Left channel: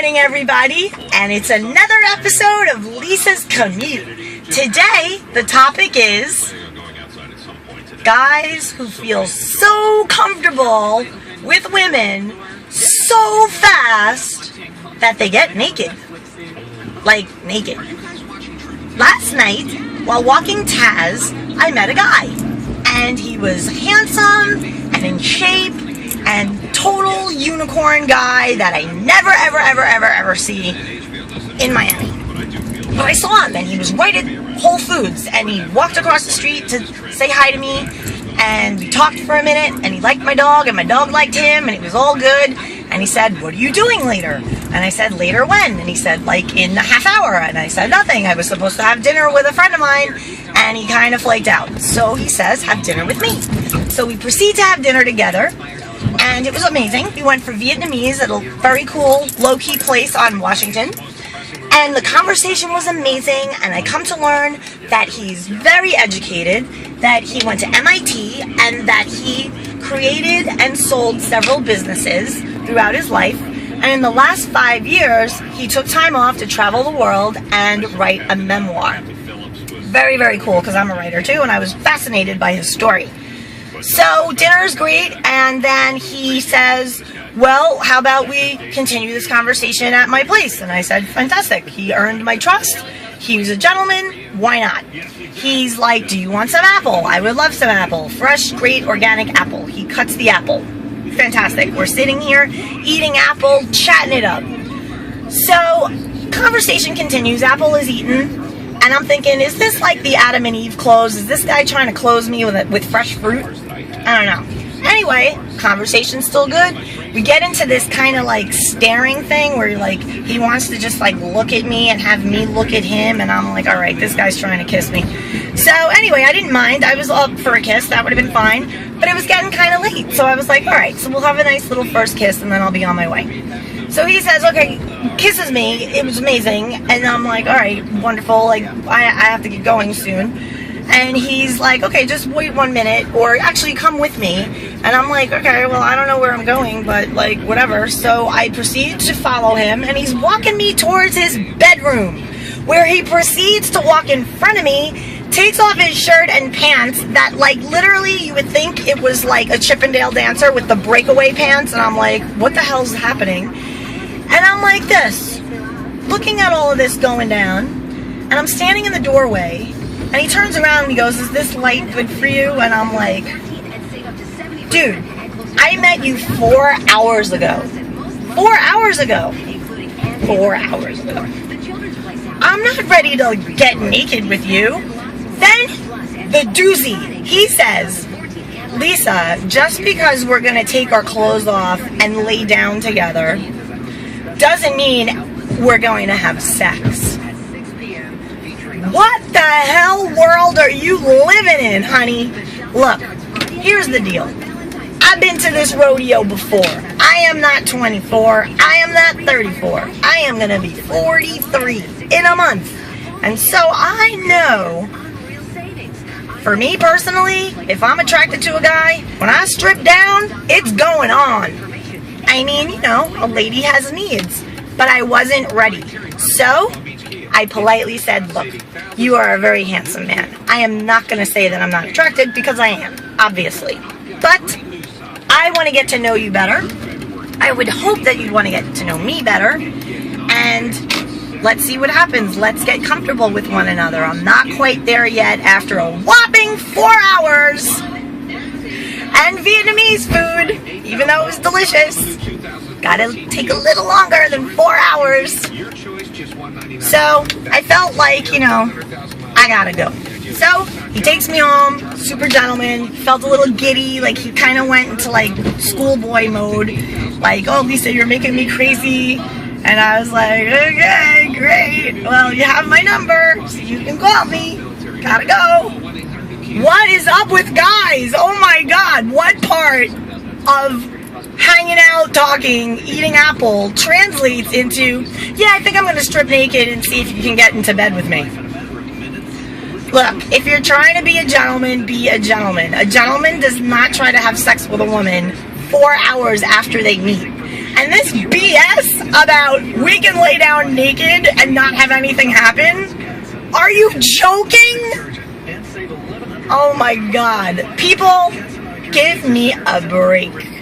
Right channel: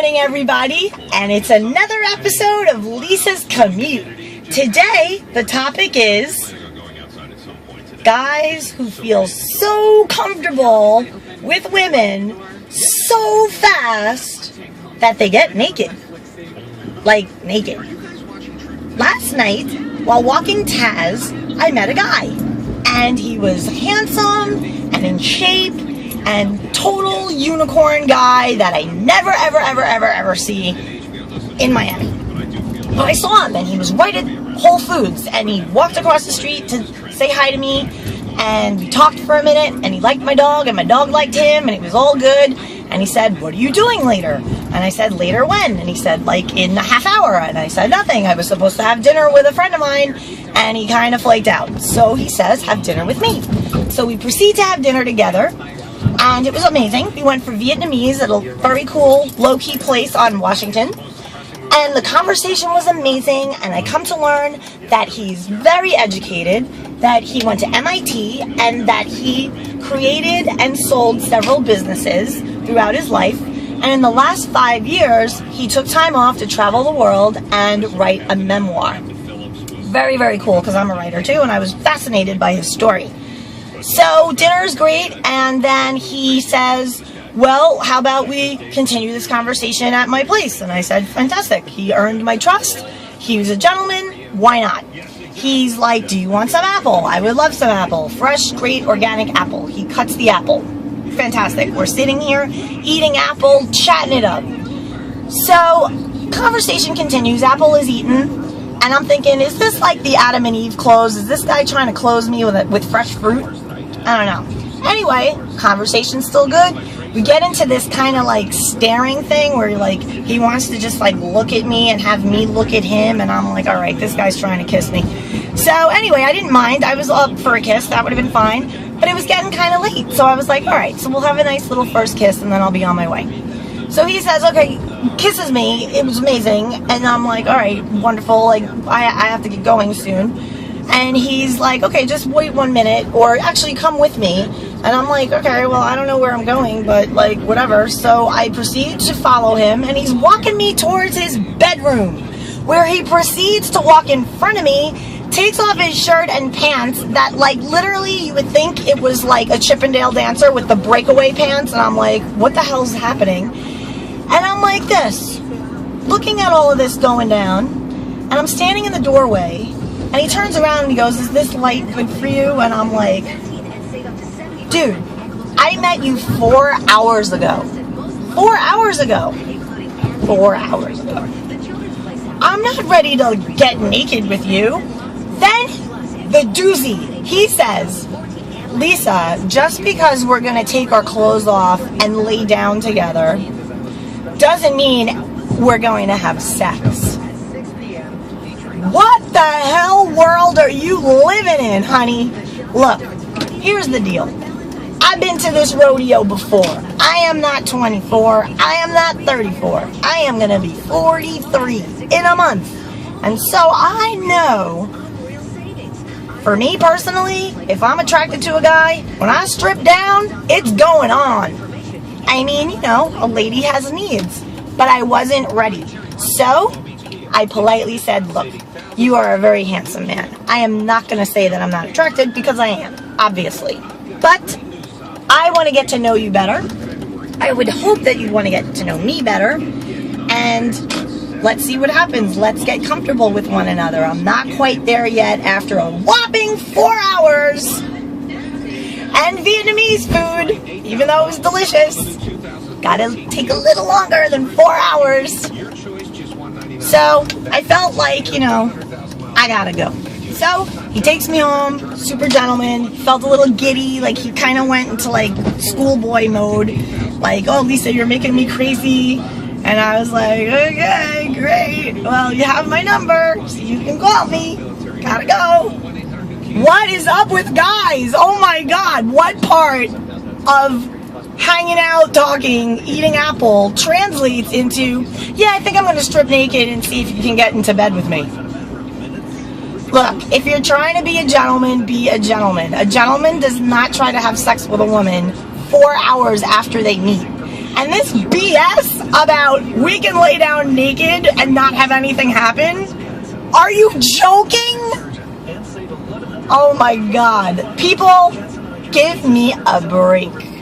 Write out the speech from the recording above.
morning, everybody, and it's another episode of Lisa's Commute. Today, the topic is guys who feel so comfortable with women so fast that they get naked. Like, naked. Last night, while walking Taz, I met a guy, and he was handsome and in shape and total unicorn guy that I never ever see in Miami. But I saw him, and he was right at Whole Foods, and he walked across the street to say hi to me, and we talked for a minute, and he liked my dog, and my dog liked him, and it was all good. And he said, "What are you doing later?" And I said, "Later when?" And he said, "Like in a half hour." And I said, "Nothing. I was supposed to have dinner with a friend of mine." And he kind of flaked out. So he says, "Have dinner with me." So we proceed to have dinner together, and it was amazing. We went for Vietnamese at a very cool, low-key place on Washington. And the conversation was amazing, and I come to learn that he's very educated, that he went to MIT, and that he created and sold several businesses throughout his life. And in the last 5 years, he took time off to travel the world and write a memoir. Very, very cool, because I'm a writer too, and I was fascinated by his story. So dinner is great, and then he says, "Well, how about we continue this conversation at my place?" And I said, "Fantastic. He earned my trust. He was a gentleman. Why not?" He's like, "Do you want some apple?" "I would love some apple. Fresh, great, organic apple." He cuts the apple. Fantastic. We're sitting here, eating apple, chatting it up. So, conversation continues. Apple is eaten. And I'm thinking, is this like the Adam and Eve close? Is this guy trying to close me with fresh fruit? I don't know. Anyway, conversation's still good. We get into this kind of like staring thing where like he wants to just like look at me and have me look at him, and I'm like, all right, this guy's trying to kiss me. So anyway, I didn't mind. I was up for a kiss. That would have been fine. But it was getting kind of late. So I was like, all right, so we'll have a nice little first kiss and then I'll be on my way. So he says, okay, kisses me. It was amazing. And I'm like, all right, wonderful. Like, I have to get going soon. And he's like, okay, just wait 1 minute, or actually come with me. And I'm like, okay, well, I don't know where I'm going, but like, whatever. So I proceed to follow him, and he's walking me towards his bedroom, where he proceeds to walk in front of me, takes off his shirt and pants that, like, literally you would think it was like a Chippendale dancer with the breakaway pants. And I'm like, what the hell is happening? And I'm like this, looking at all of this going down, and I'm standing in the doorway. And he turns around and he goes, "Is this light good for you?" And I'm like, dude, I met you 4 hours ago. 4 hours ago. 4 hours ago. I'm not ready to get naked with you. Then, the doozy. He says, "Lisa, just because we're going to take our clothes off and lay down together doesn't mean we're going to have sex." What the hell world are you living in, honey? Look, here's the deal. I've been to this rodeo before. I am not 24. I am not 34. I am going to be 43 in a month. And so I know, for me personally, if I'm attracted to a guy, when I strip down, it's going on. I mean, you know, a lady has needs. But I wasn't ready. So I politely said, "Look, you are a very handsome man. I am not going to say that I'm not attracted, because I am, obviously. But I want to get to know you better. I would hope that you'd want to get to know me better. And let's see what happens. Let's get comfortable with one another. I'm not quite there yet after a whopping 4 hours. And Vietnamese food, even though it was delicious, gotta take a little longer than 4 hours. So I felt like, you know, I gotta go. So he takes me home, super gentleman, felt a little giddy, like he kind of went into like schoolboy mode, like, "Oh, Lisa, you're making me crazy." And I was like, "Okay, great. Well, you have my number, so you can call me. Gotta go." What is up with guys? Oh my God, what part of hanging out, talking, eating apple translates into, "Yeah, I think I'm going to strip naked and see if you can get into bed with me"? Look, if you're trying to be a gentleman, be a gentleman. A gentleman does not try to have sex with a woman 4 hours after they meet. And this BS about we can lay down naked and not have anything happen? Are you joking? Oh my God. People, give me a break.